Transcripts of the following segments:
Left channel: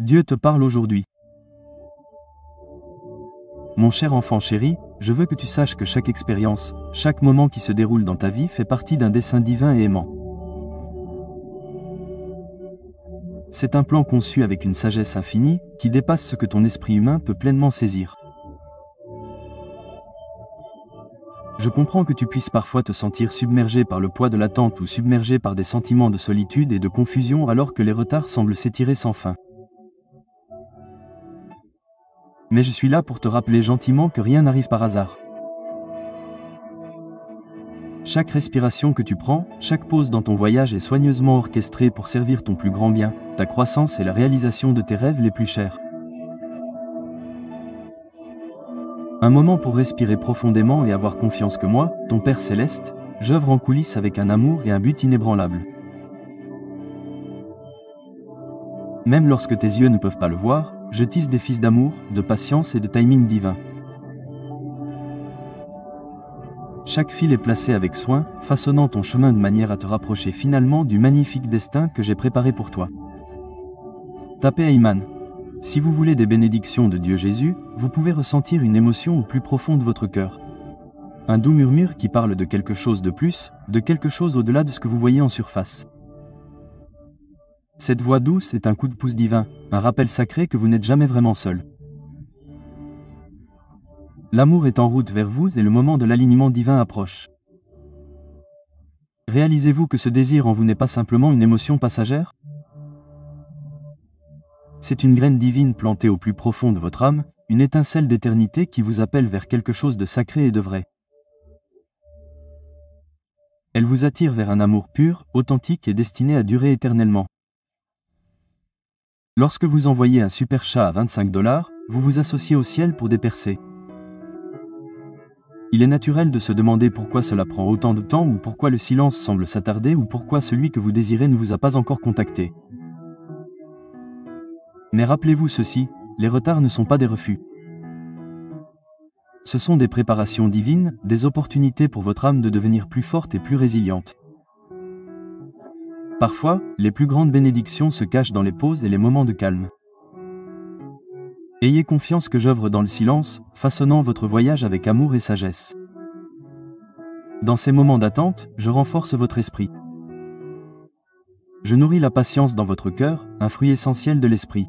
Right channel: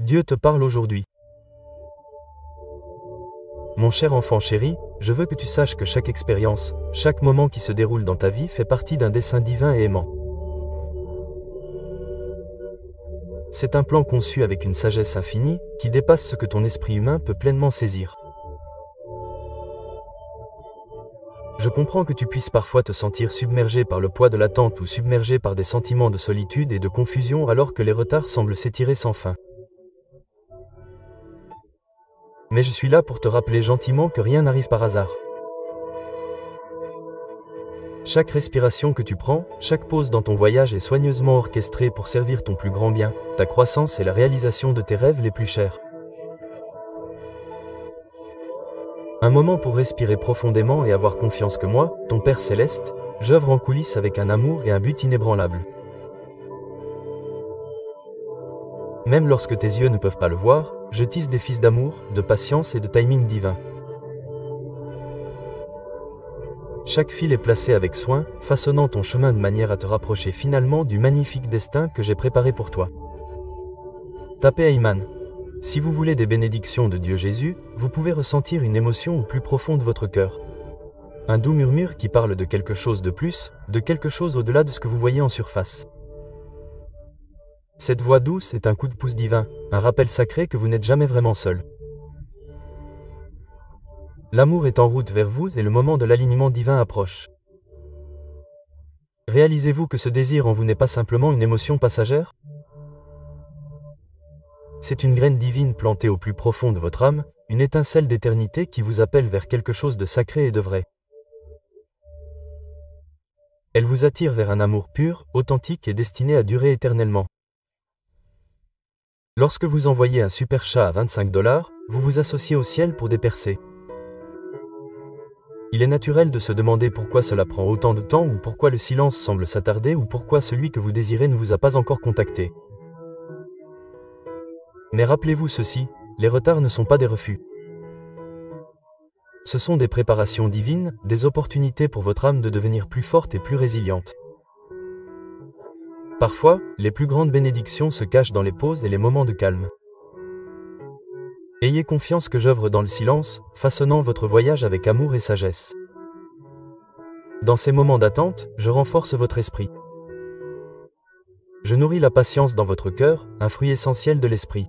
Dieu te parle aujourd'hui. Mon cher enfant chéri, je veux que tu saches que chaque expérience, chaque moment qui se déroule dans ta vie fait partie d'un dessein divin et aimant. C'est un plan conçu avec une sagesse infinie, qui dépasse ce que ton esprit humain peut pleinement saisir. Je comprends que tu puisses parfois te sentir submergé par le poids de l'attente ou submergé par des sentiments de solitude et de confusion alors que les retards semblent s'étirer sans fin. Mais je suis là pour te rappeler gentiment que rien n'arrive par hasard. Chaque respiration que tu prends, chaque pause dans ton voyage est soigneusement orchestrée pour servir ton plus grand bien, ta croissance et la réalisation de tes rêves les plus chers. Un moment pour respirer profondément et avoir confiance que moi, ton Père Céleste, j'œuvre en coulisses avec un amour et un but inébranlable. Même lorsque tes yeux ne peuvent pas le voir, je tisse des fils d'amour, de patience et de timing divin. Chaque fil est placé avec soin, façonnant ton chemin de manière à te rapprocher finalement du magnifique destin que j'ai préparé pour toi. Tapez Aïman. Si vous voulez des bénédictions de Dieu Jésus, vous pouvez ressentir une émotion au plus profond de votre cœur. Un doux murmure qui parle de quelque chose de plus, de quelque chose au-delà de ce que vous voyez en surface. Cette voix douce est un coup de pouce divin, un rappel sacré que vous n'êtes jamais vraiment seul. L'amour est en route vers vous et le moment de l'alignement divin approche. Réalisez-vous que ce désir en vous n'est pas simplement une émotion passagère ? C'est une graine divine plantée au plus profond de votre âme, une étincelle d'éternité qui vous appelle vers quelque chose de sacré et de vrai. Elle vous attire vers un amour pur, authentique et destiné à durer éternellement. Lorsque vous envoyez un super chat à 25 $, vous vous associez au ciel pour des percées. Il est naturel de se demander pourquoi cela prend autant de temps ou pourquoi le silence semble s'attarder ou pourquoi celui que vous désirez ne vous a pas encore contacté. Mais rappelez-vous ceci, les retards ne sont pas des refus. Ce sont des préparations divines, des opportunités pour votre âme de devenir plus forte et plus résiliente. Parfois, les plus grandes bénédictions se cachent dans les pauses et les moments de calme. Ayez confiance que j'œuvre dans le silence, façonnant votre voyage avec amour et sagesse. Dans ces moments d'attente, je renforce votre esprit. Je nourris la patience dans votre cœur, un fruit essentiel de l'esprit.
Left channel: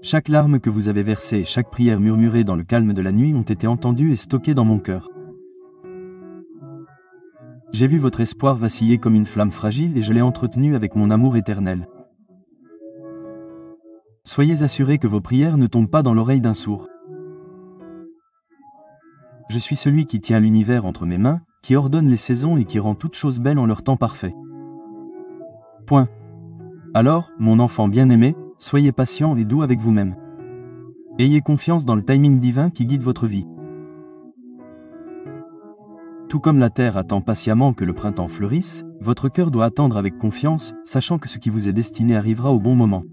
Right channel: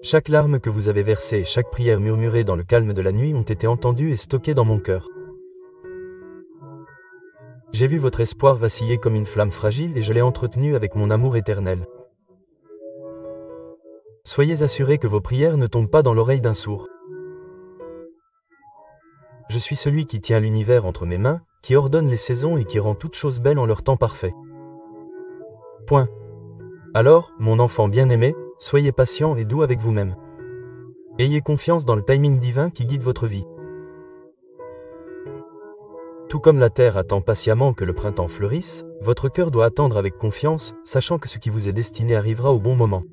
Chaque larme que vous avez versée et chaque prière murmurée dans le calme de la nuit ont été entendues et stockées dans mon cœur. J'ai vu votre espoir vaciller comme une flamme fragile et je l'ai entretenu avec mon amour éternel. Soyez assurés que vos prières ne tombent pas dans l'oreille d'un sourd. Je suis celui qui tient l'univers entre mes mains, qui ordonne les saisons et qui rend toutes choses belles en leur temps parfait. Point. Alors, mon enfant bien-aimé, soyez patient et doux avec vous-même. Ayez confiance dans le timing divin qui guide votre vie. Tout comme la terre attend patiemment que le printemps fleurisse, votre cœur doit attendre avec confiance, sachant que ce qui vous est destiné arrivera au bon moment.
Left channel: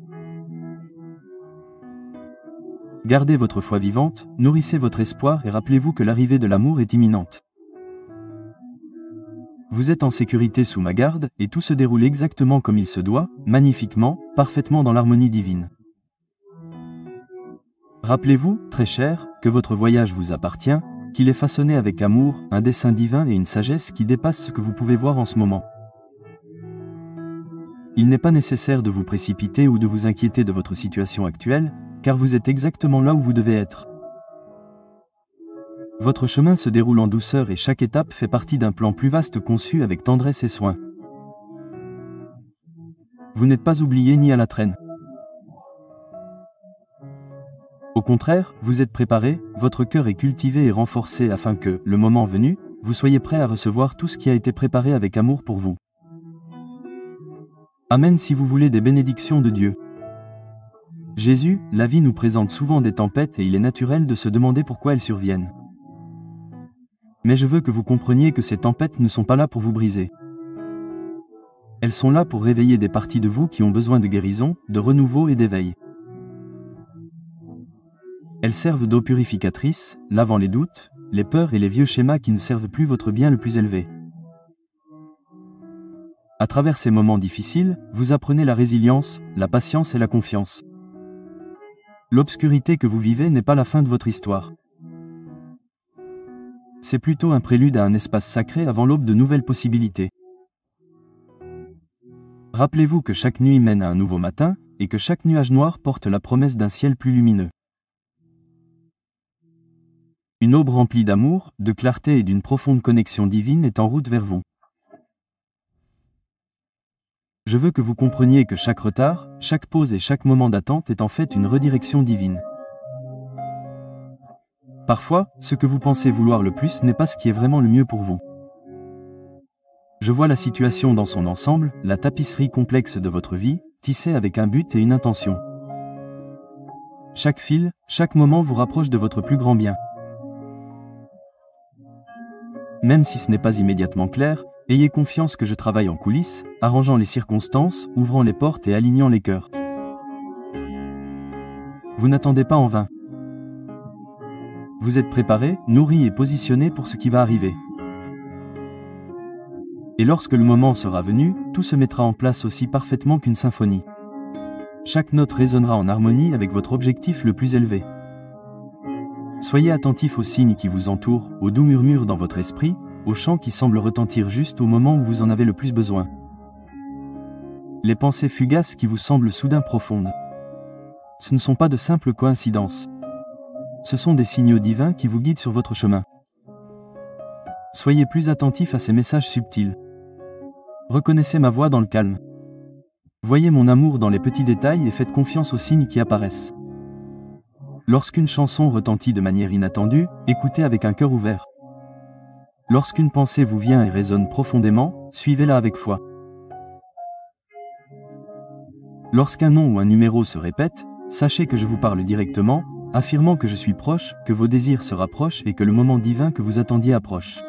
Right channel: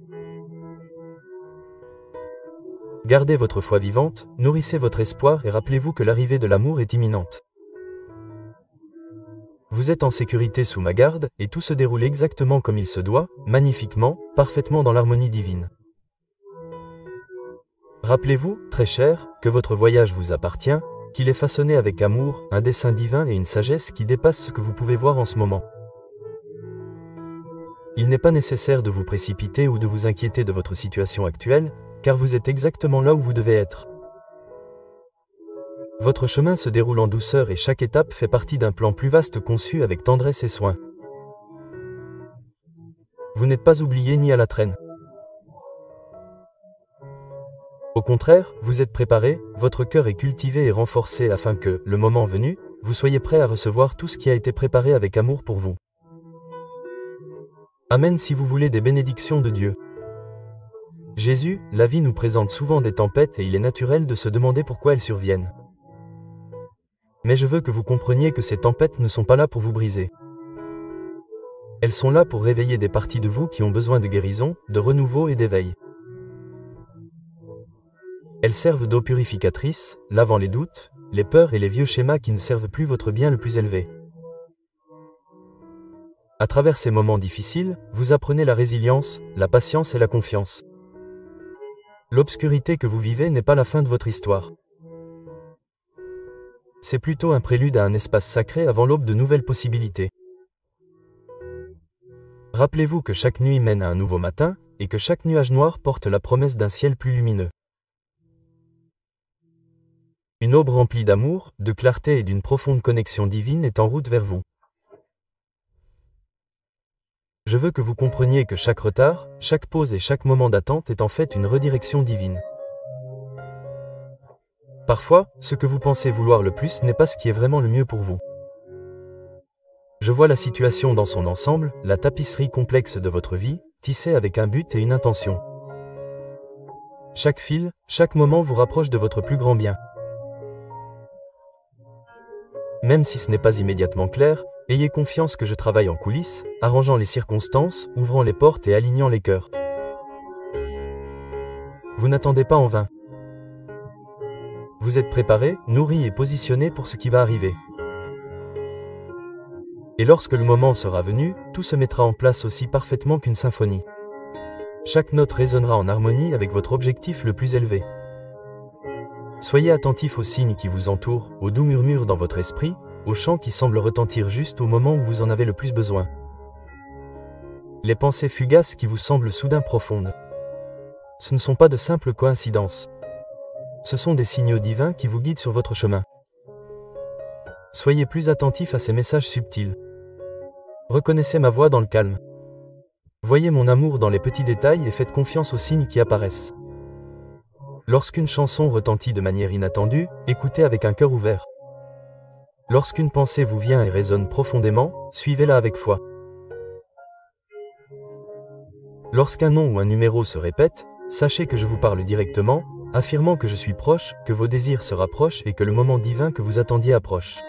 Gardez votre foi vivante, nourrissez votre espoir et rappelez-vous que l'arrivée de l'amour est imminente. Vous êtes en sécurité sous ma garde, et tout se déroule exactement comme il se doit, magnifiquement, parfaitement dans l'harmonie divine. Rappelez-vous, très cher, que votre voyage vous appartient, qu'il est façonné avec amour, un dessein divin et une sagesse qui dépassent ce que vous pouvez voir en ce moment. Il n'est pas nécessaire de vous précipiter ou de vous inquiéter de votre situation actuelle, car vous êtes exactement là où vous devez être. Votre chemin se déroule en douceur et chaque étape fait partie d'un plan plus vaste conçu avec tendresse et soin. Vous n'êtes pas oublié ni à la traîne. Au contraire, vous êtes préparé, votre cœur est cultivé et renforcé afin que, le moment venu, vous soyez prêt à recevoir tout ce qui a été préparé avec amour pour vous. Amen si vous voulez des bénédictions de Dieu. Jésus, la vie nous présente souvent des tempêtes et il est naturel de se demander pourquoi elles surviennent. Mais je veux que vous compreniez que ces tempêtes ne sont pas là pour vous briser. Elles sont là pour réveiller des parties de vous qui ont besoin de guérison, de renouveau et d'éveil. Elles servent d'eau purificatrice, lavant les doutes, les peurs et les vieux schémas qui ne servent plus votre bien le plus élevé. À travers ces moments difficiles, vous apprenez la résilience, la patience et la confiance. L'obscurité que vous vivez n'est pas la fin de votre histoire. C'est plutôt un prélude à un espace sacré avant l'aube de nouvelles possibilités. Rappelez-vous que chaque nuit mène à un nouveau matin, et que chaque nuage noir porte la promesse d'un ciel plus lumineux. Une aube remplie d'amour, de clarté et d'une profonde connexion divine est en route vers vous. Je veux que vous compreniez que chaque retard, chaque pause et chaque moment d'attente est en fait une redirection divine. Parfois, ce que vous pensez vouloir le plus n'est pas ce qui est vraiment le mieux pour vous. Je vois la situation dans son ensemble, la tapisserie complexe de votre vie, tissée avec un but et une intention. Chaque fil, chaque moment vous rapproche de votre plus grand bien. Même si ce n'est pas immédiatement clair, ayez confiance que je travaille en coulisses, arrangeant les circonstances, ouvrant les portes et alignant les cœurs. Vous n'attendez pas en vain. Vous êtes préparé, nourri et positionné pour ce qui va arriver. Et lorsque le moment sera venu, tout se mettra en place aussi parfaitement qu'une symphonie. Chaque note résonnera en harmonie avec votre objectif le plus élevé. Soyez attentif aux signes qui vous entourent, aux doux murmures dans votre esprit, aux chants qui semblent retentir juste au moment où vous en avez le plus besoin. Les pensées fugaces qui vous semblent soudain profondes. Ce ne sont pas de simples coïncidences. Ce sont des signaux divins qui vous guident sur votre chemin. Soyez plus attentif à ces messages subtils. Reconnaissez ma voix dans le calme. Voyez mon amour dans les petits détails et faites confiance aux signes qui apparaissent. Lorsqu'une chanson retentit de manière inattendue, écoutez avec un cœur ouvert. Lorsqu'une pensée vous vient et résonne profondément, suivez-la avec foi. Lorsqu'un nom ou un numéro se répète, sachez que je vous parle directement, affirmant que je suis proche, que vos désirs se rapprochent et que le moment divin que vous attendiez approche.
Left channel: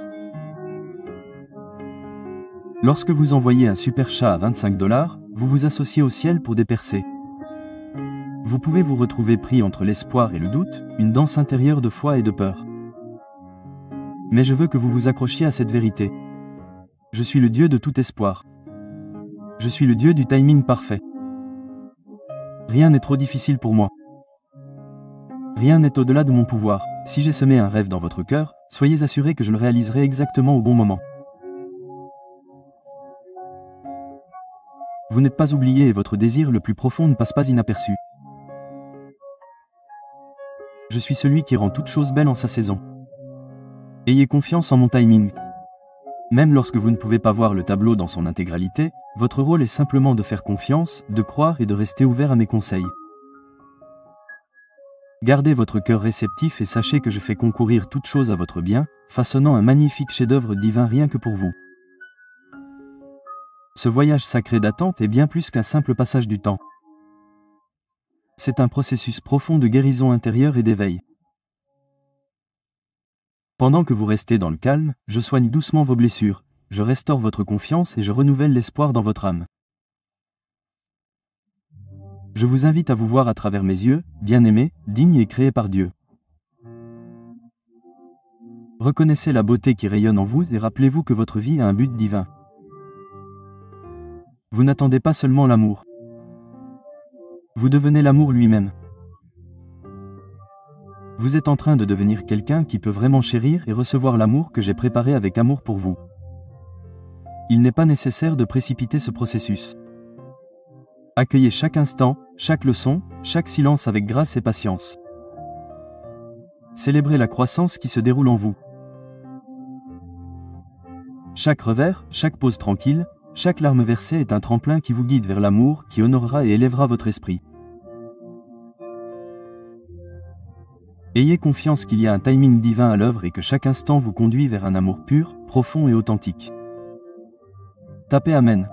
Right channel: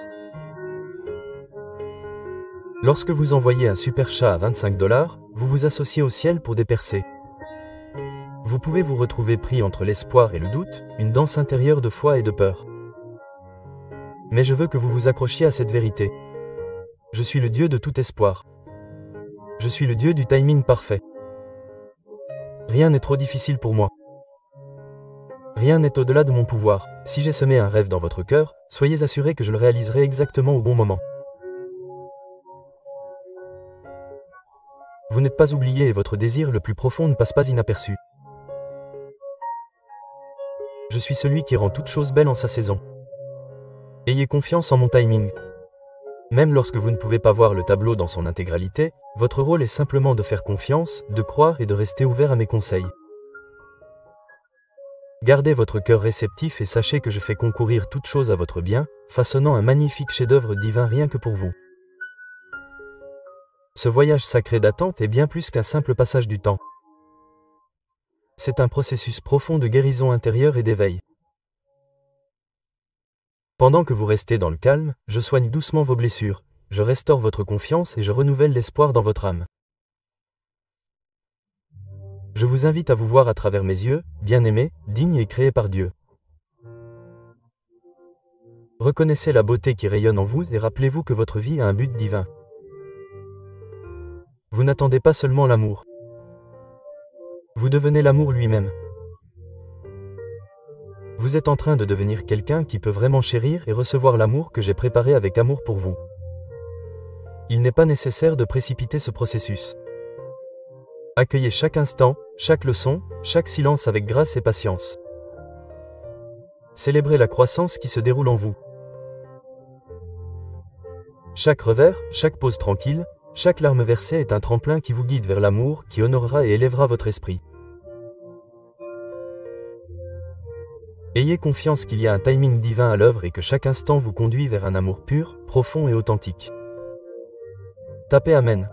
Lorsque vous envoyez un super chat à 25 $, vous vous associez au ciel pour des percées. Vous pouvez vous retrouver pris entre l'espoir et le doute, une danse intérieure de foi et de peur. Mais je veux que vous vous accrochiez à cette vérité. Je suis le Dieu de tout espoir. Je suis le Dieu du timing parfait. Rien n'est trop difficile pour moi. Rien n'est au-delà de mon pouvoir. Si j'ai semé un rêve dans votre cœur, soyez assurés que je le réaliserai exactement au bon moment. Vous n'êtes pas oublié et votre désir le plus profond ne passe pas inaperçu. Je suis celui qui rend toute chose belle en sa saison. Ayez confiance en mon timing. Même lorsque vous ne pouvez pas voir le tableau dans son intégralité, votre rôle est simplement de faire confiance, de croire et de rester ouvert à mes conseils. Gardez votre cœur réceptif et sachez que je fais concourir toute chose à votre bien, façonnant un magnifique chef-d'œuvre divin rien que pour vous. Ce voyage sacré d'attente est bien plus qu'un simple passage du temps. C'est un processus profond de guérison intérieure et d'éveil. Pendant que vous restez dans le calme, je soigne doucement vos blessures, je restaure votre confiance et je renouvelle l'espoir dans votre âme. Je vous invite à vous voir à travers mes yeux, bien-aimé, digne et créé par Dieu. Reconnaissez la beauté qui rayonne en vous et rappelez-vous que votre vie a un but divin. Vous n'attendez pas seulement l'amour. Vous devenez l'amour lui-même. Vous êtes en train de devenir quelqu'un qui peut vraiment chérir et recevoir l'amour que j'ai préparé avec amour pour vous. Il n'est pas nécessaire de précipiter ce processus. Accueillez chaque instant, chaque leçon, chaque silence avec grâce et patience. Célébrez la croissance qui se déroule en vous. Chaque revers, chaque pause tranquille, chaque larme versée est un tremplin qui vous guide vers l'amour, qui honorera et élèvera votre esprit. Ayez confiance qu'il y a un timing divin à l'œuvre et que chaque instant vous conduit vers un amour pur, profond et authentique. Tapez Amen.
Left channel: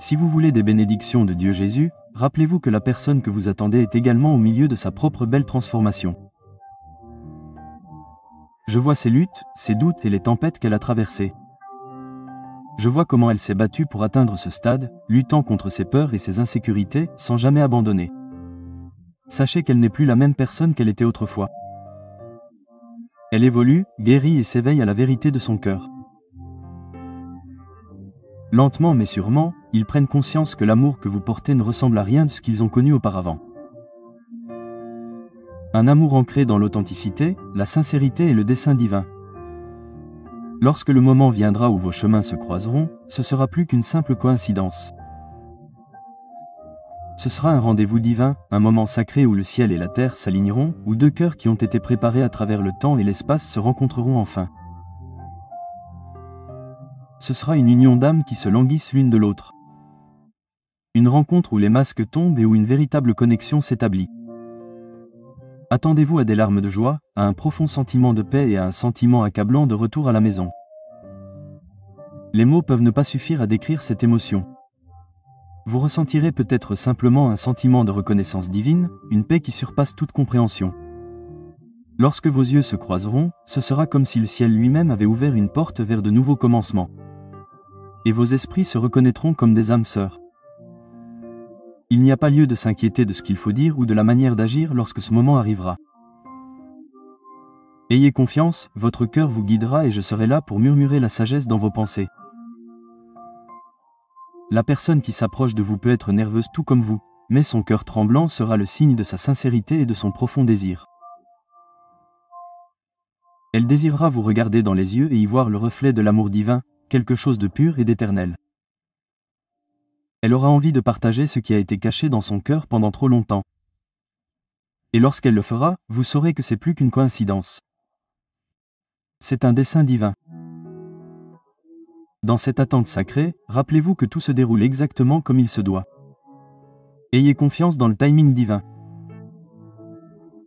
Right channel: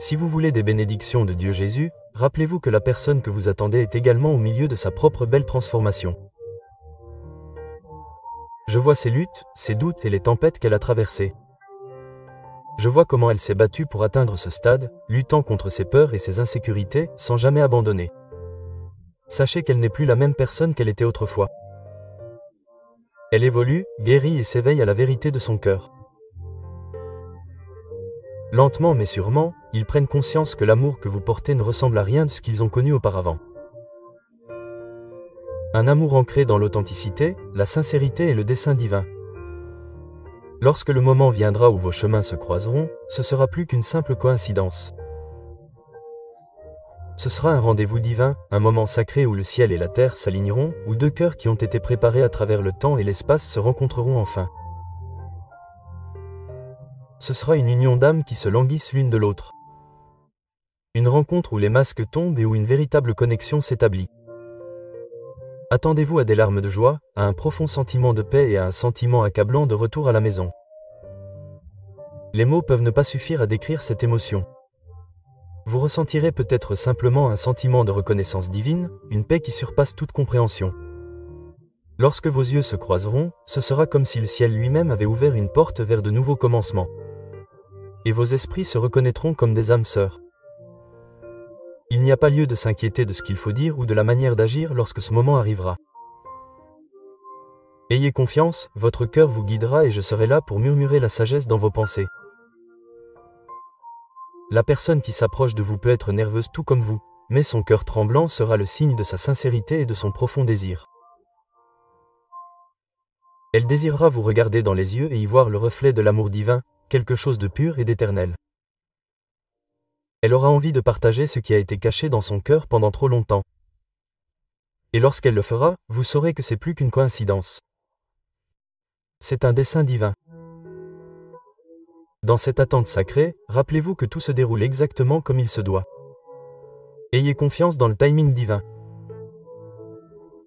Si vous voulez des bénédictions de Dieu Jésus, rappelez-vous que la personne que vous attendez est également au milieu de sa propre belle transformation. Je vois ses luttes, ses doutes et les tempêtes qu'elle a traversées. Je vois comment elle s'est battue pour atteindre ce stade, luttant contre ses peurs et ses insécurités, sans jamais abandonner. Sachez qu'elle n'est plus la même personne qu'elle était autrefois. Elle évolue, guérit et s'éveille à la vérité de son cœur. Lentement mais sûrement, ils prennent conscience que l'amour que vous portez ne ressemble à rien de ce qu'ils ont connu auparavant. Un amour ancré dans l'authenticité, la sincérité et le dessein divin. Lorsque le moment viendra où vos chemins se croiseront, ce sera plus qu'une simple coïncidence. Ce sera un rendez-vous divin, un moment sacré où le ciel et la terre s'aligneront, où deux cœurs qui ont été préparés à travers le temps et l'espace se rencontreront enfin. Ce sera une union d'âmes qui se languissent l'une de l'autre. Une rencontre où les masques tombent et où une véritable connexion s'établit. Attendez-vous à des larmes de joie, à un profond sentiment de paix et à un sentiment accablant de retour à la maison. Les mots peuvent ne pas suffire à décrire cette émotion. Vous ressentirez peut-être simplement un sentiment de reconnaissance divine, une paix qui surpasse toute compréhension. Lorsque vos yeux se croiseront, ce sera comme si le ciel lui-même avait ouvert une porte vers de nouveaux commencements. Et vos esprits se reconnaîtront comme des âmes sœurs. Il n'y a pas lieu de s'inquiéter de ce qu'il faut dire ou de la manière d'agir lorsque ce moment arrivera. Ayez confiance, votre cœur vous guidera et je serai là pour murmurer la sagesse dans vos pensées. La personne qui s'approche de vous peut être nerveuse tout comme vous, mais son cœur tremblant sera le signe de sa sincérité et de son profond désir. Elle désirera vous regarder dans les yeux et y voir le reflet de l'amour divin, quelque chose de pur et d'éternel. Elle aura envie de partager ce qui a été caché dans son cœur pendant trop longtemps. Et lorsqu'elle le fera, vous saurez que c'est plus qu'une coïncidence. C'est un dessein divin. Dans cette attente sacrée, rappelez-vous que tout se déroule exactement comme il se doit. Ayez confiance dans le timing divin.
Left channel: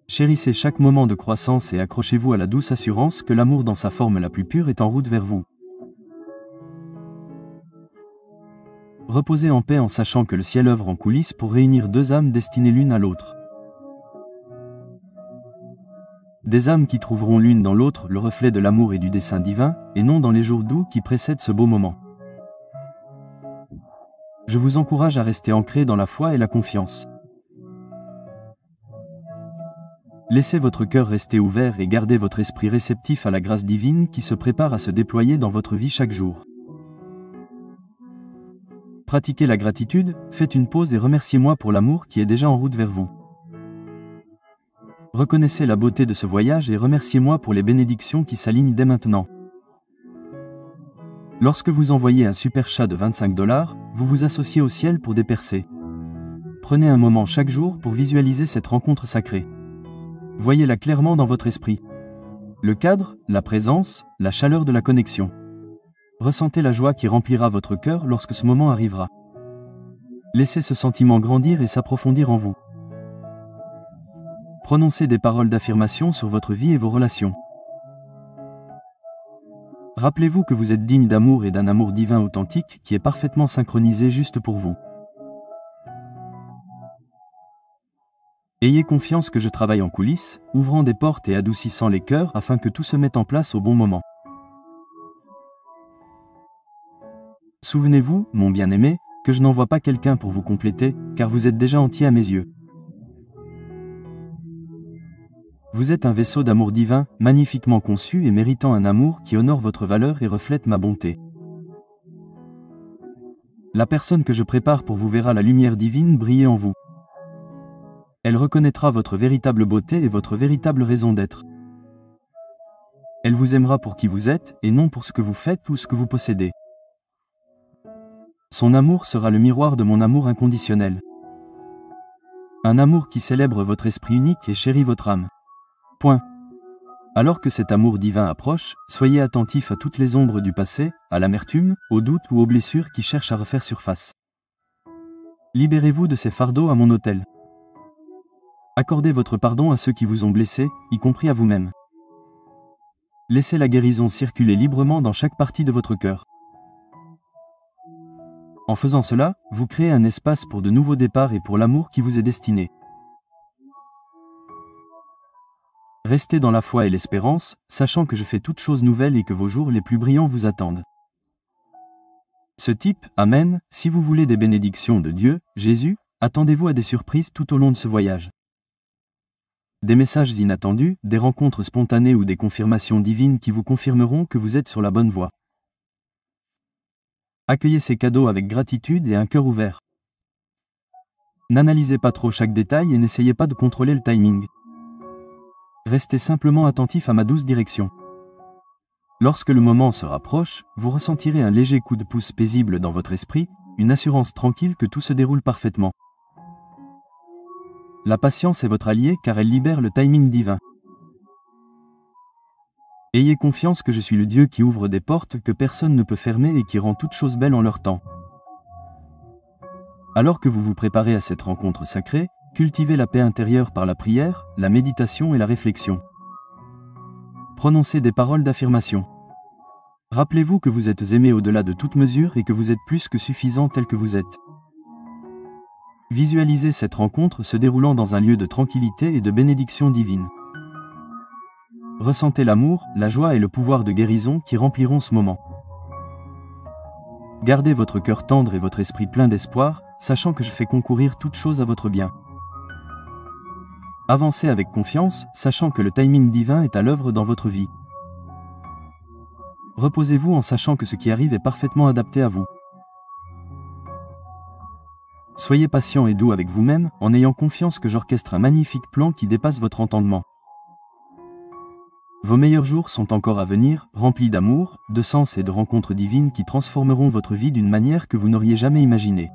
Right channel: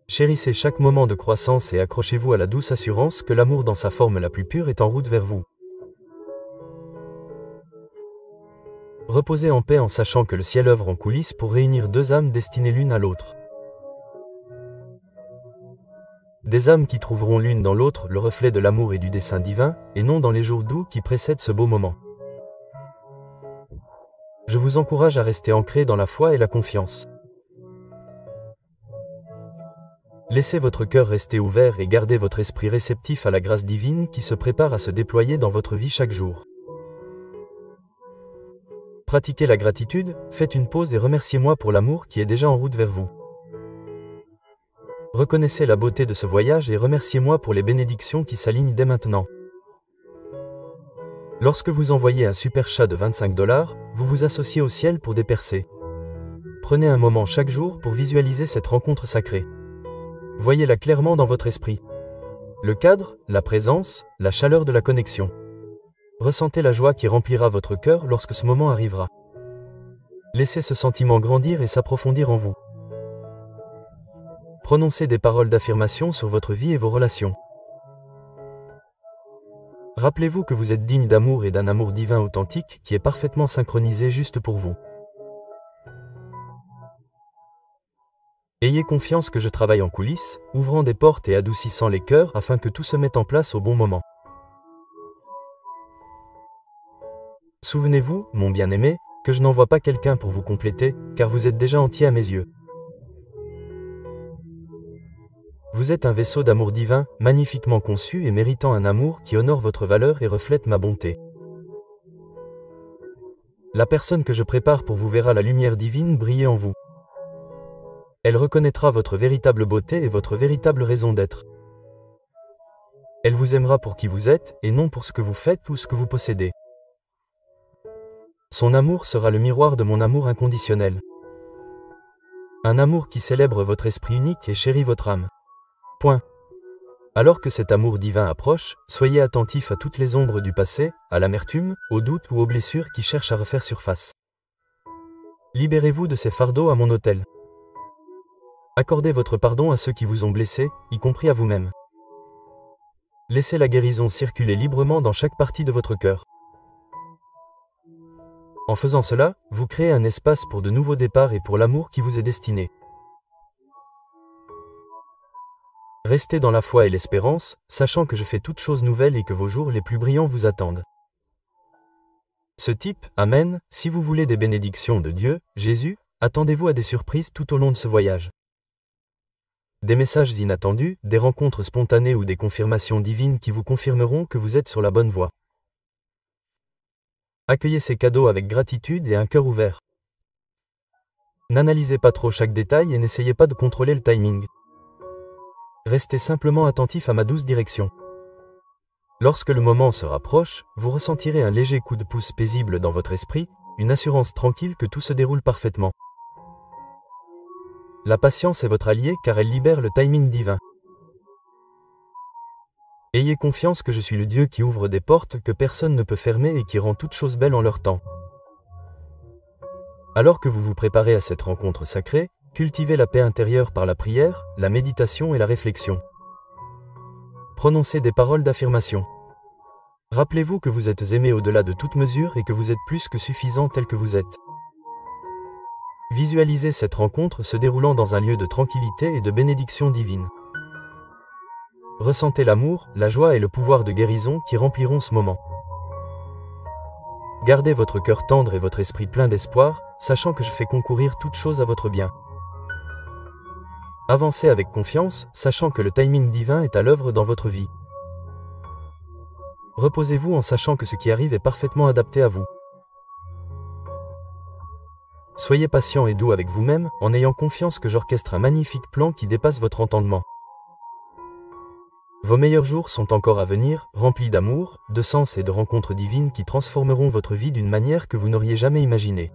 Chérissez chaque moment de croissance et accrochez-vous à la douce assurance que l'amour dans sa forme la plus pure est en route vers vous. Reposez en paix en sachant que le ciel œuvre en coulisses pour réunir deux âmes destinées l'une à l'autre. Des âmes qui trouveront l'une dans l'autre le reflet de l'amour et du dessein divin, et non dans les jours doux qui précèdent ce beau moment. Je vous encourage à rester ancré dans la foi et la confiance. Laissez votre cœur rester ouvert et gardez votre esprit réceptif à la grâce divine qui se prépare à se déployer dans votre vie chaque jour. Pratiquez la gratitude, faites une pause et remerciez-moi pour l'amour qui est déjà en route vers vous. Reconnaissez la beauté de ce voyage et remerciez-moi pour les bénédictions qui s'alignent dès maintenant. Lorsque vous envoyez un super chat de 25 $, vous vous associez au ciel pour des percées. Prenez un moment chaque jour pour visualiser cette rencontre sacrée. Voyez-la clairement dans votre esprit. Le cadre, la présence, la chaleur de la connexion. Ressentez la joie qui remplira votre cœur lorsque ce moment arrivera. Laissez ce sentiment grandir et s'approfondir en vous. Prononcez des paroles d'affirmation sur votre vie et vos relations. Rappelez-vous que vous êtes digne d'amour et d'un amour divin authentique qui est parfaitement synchronisé juste pour vous. Ayez confiance que je travaille en coulisses, ouvrant des portes et adoucissant les cœurs afin que tout se mette en place au bon moment. Souvenez-vous, mon bien-aimé, que je n'envoie pas quelqu'un pour vous compléter, car vous êtes déjà entier à mes yeux. Vous êtes un vaisseau d'amour divin, magnifiquement conçu et méritant un amour qui honore votre valeur et reflète ma bonté. La personne que je prépare pour vous verra la lumière divine briller en vous. Elle reconnaîtra votre véritable beauté et votre véritable raison d'être. Elle vous aimera pour qui vous êtes, et non pour ce que vous faites ou ce que vous possédez. Son amour sera le miroir de mon amour inconditionnel. Un amour qui célèbre votre esprit unique et chérit votre âme. Point. Alors que cet amour divin approche, soyez attentifs à toutes les ombres du passé, à l'amertume, aux doutes ou aux blessures qui cherchent à refaire surface. Libérez-vous de ces fardeaux à mon autel. Accordez votre pardon à ceux qui vous ont blessé, y compris à vous-même. Laissez la guérison circuler librement dans chaque partie de votre cœur. En faisant cela, vous créez un espace pour de nouveaux départs et pour l'amour qui vous est destiné. Restez dans la foi et l'espérance, sachant que je fais toutes choses nouvelles et que vos jours les plus brillants vous attendent. Ce type, Amen, si vous voulez des bénédictions de Dieu, Jésus, attendez-vous à des surprises tout au long de ce voyage. Des messages inattendus, des rencontres spontanées ou des confirmations divines qui vous confirmeront que vous êtes sur la bonne voie. Accueillez ces cadeaux avec gratitude et un cœur ouvert. N'analysez pas trop chaque détail et n'essayez pas de contrôler le timing. Restez simplement attentif à ma douce direction. Lorsque le moment se rapproche, vous ressentirez un léger coup de pouce paisible dans votre esprit, une assurance tranquille que tout se déroule parfaitement. La patience est votre allié car elle libère le timing divin. Ayez confiance que je suis le Dieu qui ouvre des portes que personne ne peut fermer et qui rend toutes choses belles en leur temps. Alors que vous vous préparez à cette rencontre sacrée, cultivez la paix intérieure par la prière, la méditation et la réflexion. Prononcez des paroles d'affirmation. Rappelez-vous que vous êtes aimé au-delà de toute mesure et que vous êtes plus que suffisant tel que vous êtes. Visualisez cette rencontre se déroulant dans un lieu de tranquillité et de bénédiction divine. Ressentez l'amour, la joie et le pouvoir de guérison qui rempliront ce moment. Gardez votre cœur tendre et votre esprit plein d'espoir, sachant que je fais concourir toutes choses à votre bien. Avancez avec confiance, sachant que le timing divin est à l'œuvre dans votre vie. Reposez-vous en sachant que ce qui arrive est parfaitement adapté à vous. Soyez patient et doux avec vous-même, en ayant confiance que j'orchestre un magnifique plan qui dépasse votre entendement. Vos meilleurs jours sont encore à venir, remplis d'amour, de sens et de rencontres divines qui transformeront votre vie d'une manière que vous n'auriez jamais imaginée.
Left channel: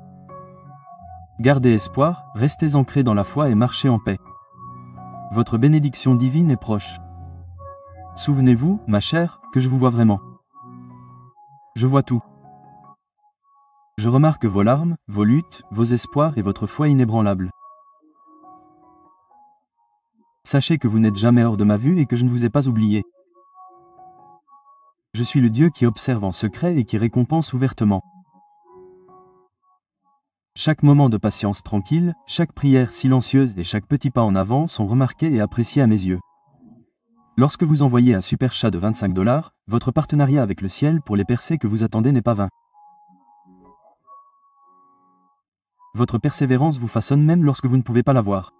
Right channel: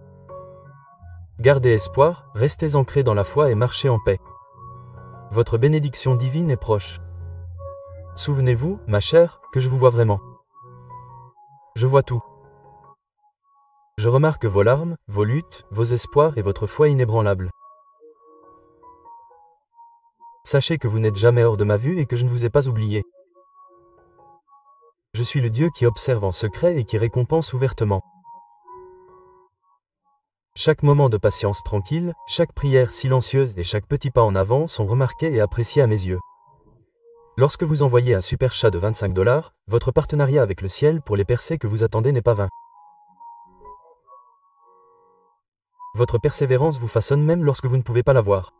Gardez espoir, restez ancrés dans la foi et marchez en paix. Votre bénédiction divine est proche. Souvenez-vous, ma chère, que je vous vois vraiment. Je vois tout. Je remarque vos larmes, vos luttes, vos espoirs et votre foi inébranlable. Sachez que vous n'êtes jamais hors de ma vue et que je ne vous ai pas oublié. Je suis le Dieu qui observe en secret et qui récompense ouvertement. Chaque moment de patience tranquille, chaque prière silencieuse et chaque petit pas en avant sont remarqués et appréciés à mes yeux. Lorsque vous envoyez un super chat de 25 $, votre partenariat avec le ciel pour les percées que vous attendez n'est pas vain. Votre persévérance vous façonne même lorsque vous ne pouvez pas la voir.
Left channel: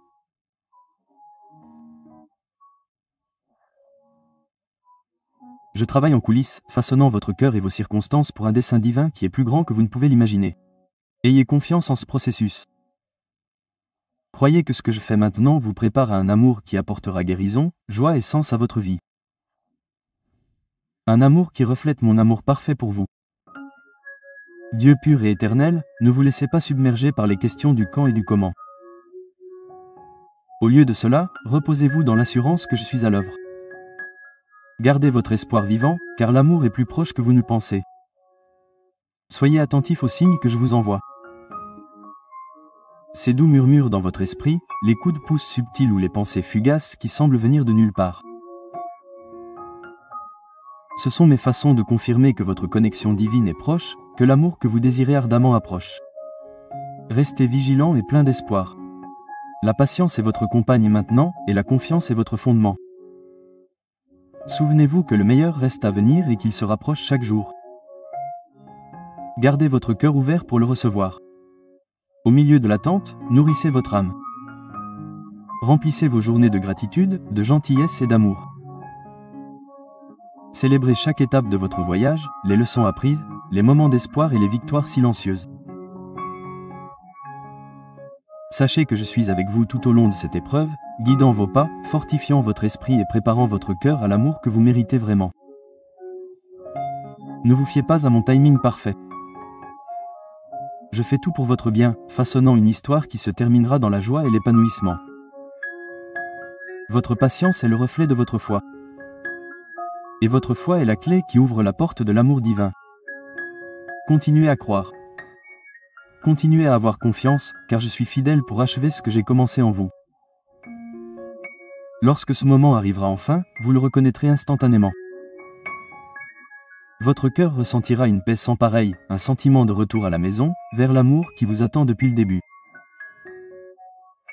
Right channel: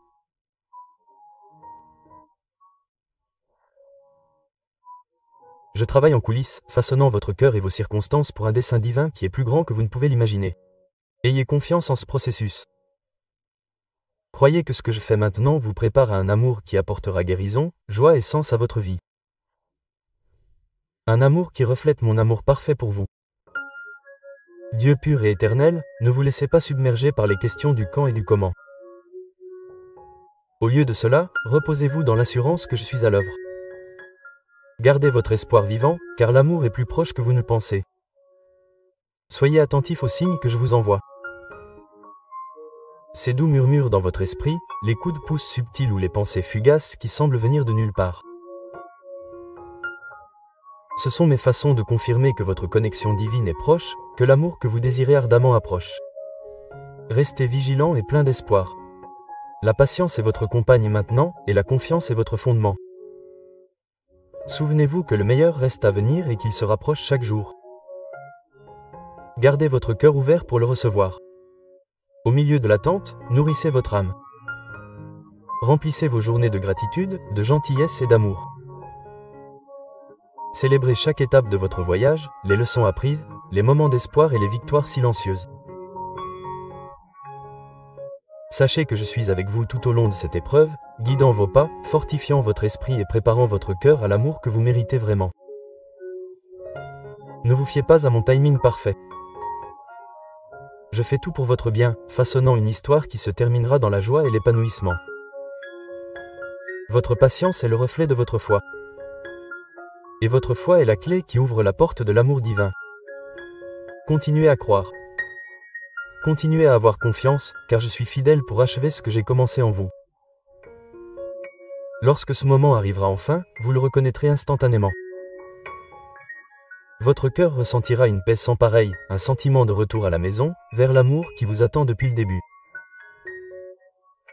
Je travaille en coulisses, façonnant votre cœur et vos circonstances pour un dessein divin qui est plus grand que vous ne pouvez l'imaginer. Ayez confiance en ce processus. Croyez que ce que je fais maintenant vous prépare à un amour qui apportera guérison, joie et sens à votre vie. Un amour qui reflète mon amour parfait pour vous. Dieu pur et éternel, ne vous laissez pas submerger par les questions du quand et du comment. Au lieu de cela, reposez-vous dans l'assurance que je suis à l'œuvre. Gardez votre espoir vivant, car l'amour est plus proche que vous ne le pensez. Soyez attentifs aux signes que je vous envoie. Ces doux murmures dans votre esprit, les coups de pouce subtils ou les pensées fugaces qui semblent venir de nulle part. Ce sont mes façons de confirmer que votre connexion divine est proche, que l'amour que vous désirez ardemment approche. Restez vigilants et plein d'espoir. La patience est votre compagne maintenant, et la confiance est votre fondement. Souvenez-vous que le meilleur reste à venir et qu'il se rapproche chaque jour. Gardez votre cœur ouvert pour le recevoir. Au milieu de l'attente, nourrissez votre âme. Remplissez vos journées de gratitude, de gentillesse et d'amour. Célébrez chaque étape de votre voyage, les leçons apprises, les moments d'espoir et les victoires silencieuses. Sachez que je suis avec vous tout au long de cette épreuve, guidant vos pas, fortifiant votre esprit et préparant votre cœur à l'amour que vous méritez vraiment. Ne vous fiez pas à mon timing parfait. Je fais tout pour votre bien, façonnant une histoire qui se terminera dans la joie et l'épanouissement. Votre patience est le reflet de votre foi. Et votre foi est la clé qui ouvre la porte de l'amour divin. Continuez à croire. Continuez à avoir confiance, car je suis fidèle pour achever ce que j'ai commencé en vous. Lorsque ce moment arrivera enfin, vous le reconnaîtrez instantanément. Votre cœur ressentira une paix sans pareille, un sentiment de retour à la maison, vers l'amour qui vous attend depuis le début.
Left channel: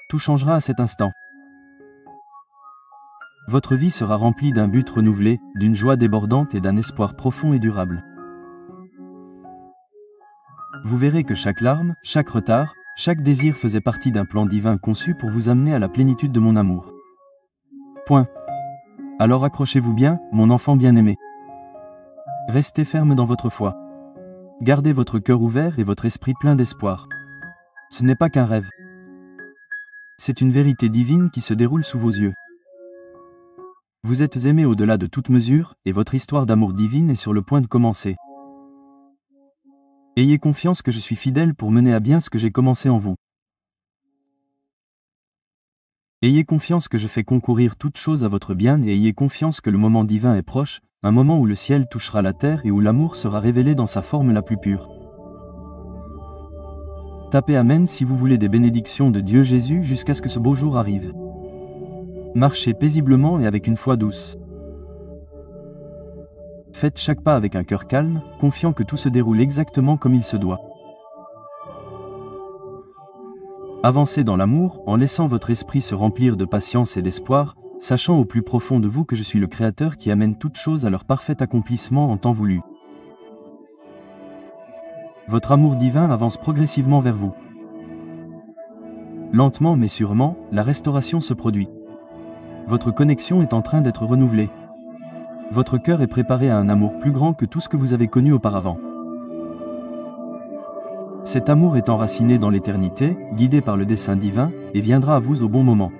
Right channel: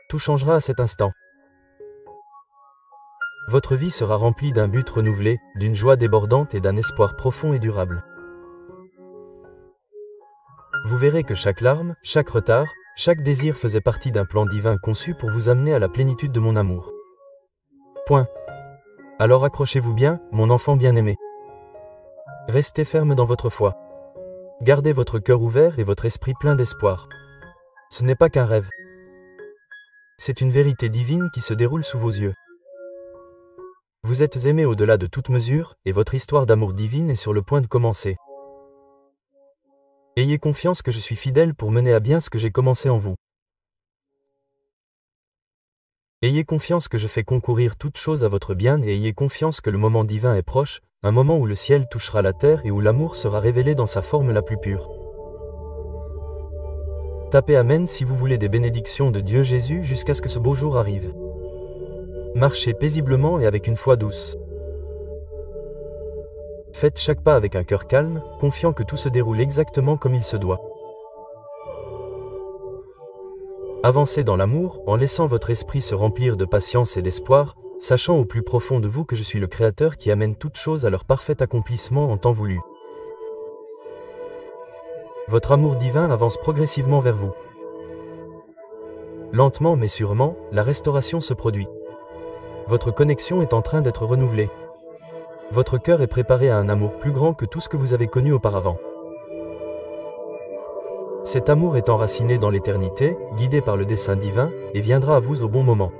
Tout changera à cet instant. Votre vie sera remplie d'un but renouvelé, d'une joie débordante et d'un espoir profond et durable. Vous verrez que chaque larme, chaque retard, chaque désir faisait partie d'un plan divin conçu pour vous amener à la plénitude de mon amour. Point. Alors accrochez-vous bien, mon enfant bien-aimé. Restez ferme dans votre foi. Gardez votre cœur ouvert et votre esprit plein d'espoir. Ce n'est pas qu'un rêve. C'est une vérité divine qui se déroule sous vos yeux. Vous êtes aimé au-delà de toute mesure, et votre histoire d'amour divine est sur le point de commencer. Ayez confiance que je suis fidèle pour mener à bien ce que j'ai commencé en vous. Ayez confiance que je fais concourir toutes choses à votre bien et ayez confiance que le moment divin est proche, un moment où le ciel touchera la terre et où l'amour sera révélé dans sa forme la plus pure. Tapez Amen si vous voulez des bénédictions de Dieu Jésus jusqu'à ce que ce beau jour arrive. Marchez paisiblement et avec une foi douce. Faites chaque pas avec un cœur calme, confiant que tout se déroule exactement comme il se doit. Avancez dans l'amour, en laissant votre esprit se remplir de patience et d'espoir, sachant au plus profond de vous que je suis le Créateur qui amène toutes choses à leur parfait accomplissement en temps voulu. Votre amour divin avance progressivement vers vous. Lentement mais sûrement, la restauration se produit. Votre connexion est en train d'être renouvelée. Votre cœur est préparé à un amour plus grand que tout ce que vous avez connu auparavant. Cet amour est enraciné dans l'éternité, guidé par le dessein divin, et viendra à vous au bon moment.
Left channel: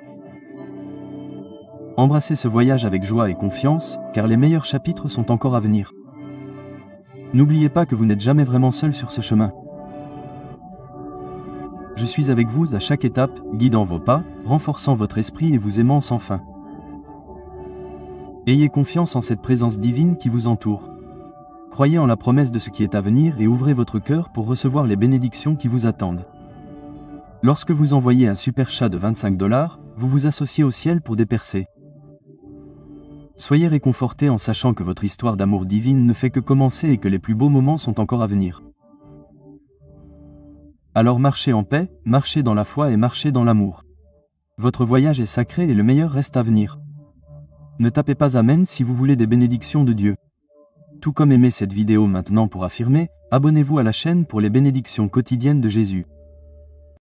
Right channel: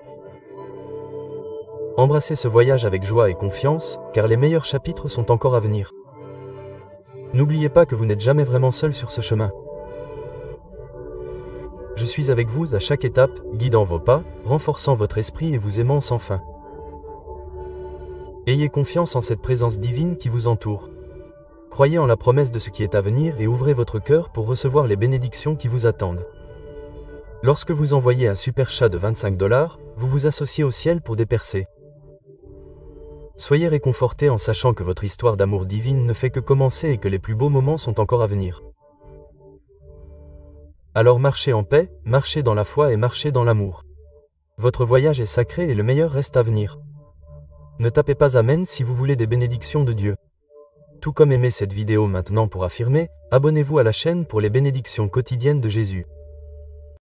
Embrassez ce voyage avec joie et confiance, car les meilleurs chapitres sont encore à venir. N'oubliez pas que vous n'êtes jamais vraiment seul sur ce chemin. Je suis avec vous à chaque étape, guidant vos pas, renforçant votre esprit et vous aimant sans fin. Ayez confiance en cette présence divine qui vous entoure. Croyez en la promesse de ce qui est à venir et ouvrez votre cœur pour recevoir les bénédictions qui vous attendent. Lorsque vous envoyez un super chat de 25 $, vous vous associez au ciel pour des percées. Soyez réconfortés en sachant que votre histoire d'amour divine ne fait que commencer et que les plus beaux moments sont encore à venir. Alors marchez en paix, marchez dans la foi et marchez dans l'amour. Votre voyage est sacré et le meilleur reste à venir. Ne tapez pas Amen si vous voulez des bénédictions de Dieu. Tout comme aimez cette vidéo maintenant pour affirmer, abonnez-vous à la chaîne pour les bénédictions quotidiennes de Jésus.